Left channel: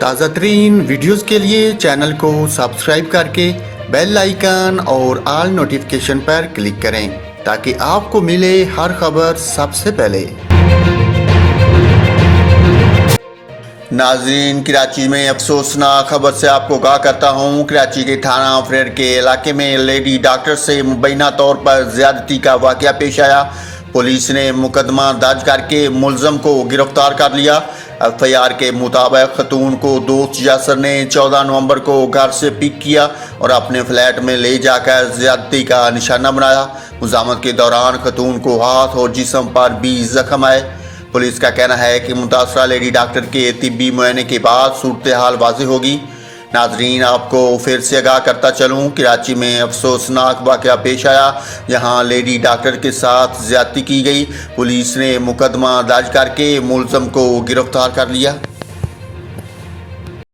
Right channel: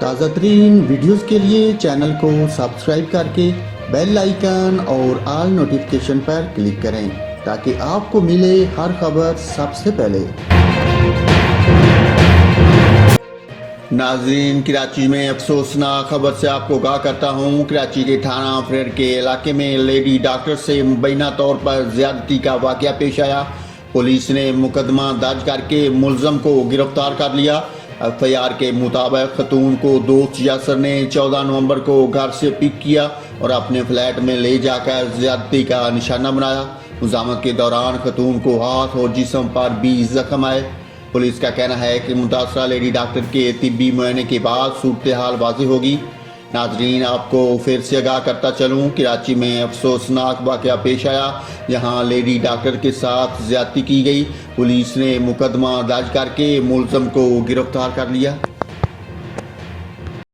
تازہ ترین ویڈیوز کے لیے چینل کو سبسکرائب کر کے بیل آئیکن اور آل نوٹیفیکیشن پر کلک کریں تاکہ آپ کو ملے ہر خبر سب سے پہلے۔ ناظرین، کراچی میں افسوسناک خبر سے آپ کو آگاہ کرتا ہوں۔ کراچی کے تھانہ فریر کے علاقے میں لیڈی ڈاکٹر سے مبینہ طور پر زیادتی کا واقعہ پیش آیا۔ پولیس نے مقدمہ درج کر کے ملزم کو گرفتار کر لیا۔ ایف آئی آر کے مطابق خاتون کو دوست یاسر نے 14 نومبر کو گھر سے پک کیا اور اپنے فلیٹ میں لے جا کر زیادتی کا نشانہ بنایا۔ مزاحمت کے دوران خاتون کو ہاتھ اور جسم پر بھی زخم آئے۔ پولیس کا کہنا ہے کہ متاثرہ لیڈی ڈاکٹر کے طبی معائنے کے بعد صورتحال واضح ہوگی۔ ناظرین، آپ کو پھر سے آگاہ کرتا چلوں، کراچی میں افسوسناک واقعہ پیش آیا جہاں لیڈی ڈاکٹر کے ساتھ زیادتی کی گئی۔ پولیس نے مقدمہ درج کر کے ملزم کو گرفتار کر لیا۔